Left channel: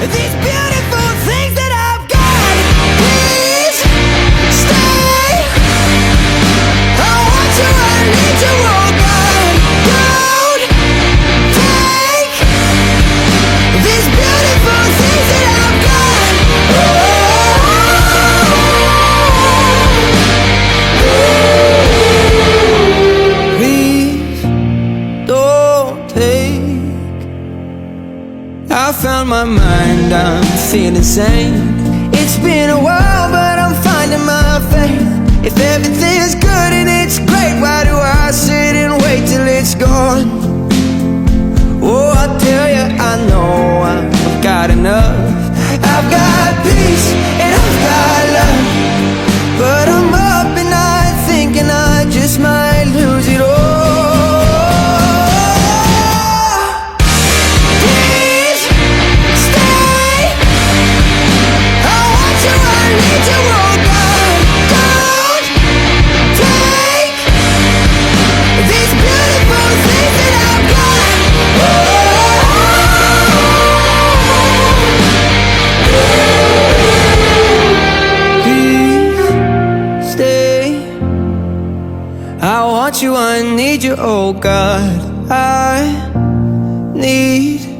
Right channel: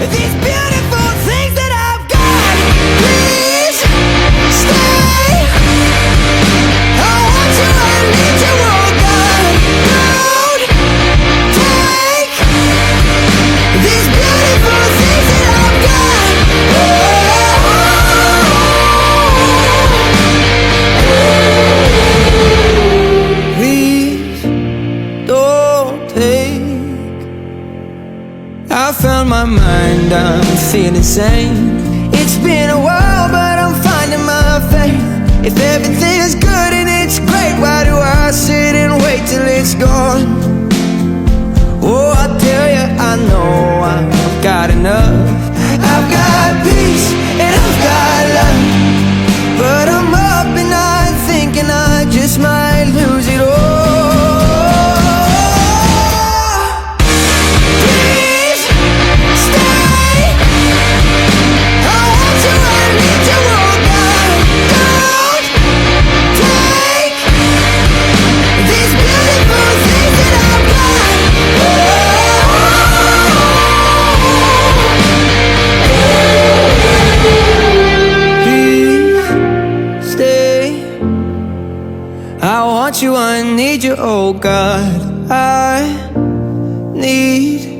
these beautiful things that I've got. Please stay. I want you, I need you, oh God. Don't take these beautiful things that I've got. Please don't take. I found my mind, I'm feeling sane. It's been a while, but I'm finding my faith. If everything's good and it's great, why do I sit and wait till it's gone? Oh, I tell you, I know I've got enough. I've got peace and I've got love, but I'm up at night thinking I just might lose it all. Please stay. I want you, I need you, oh God. Don't take these beautiful things that I've got. Please stay. I want you, I need you, oh God. I need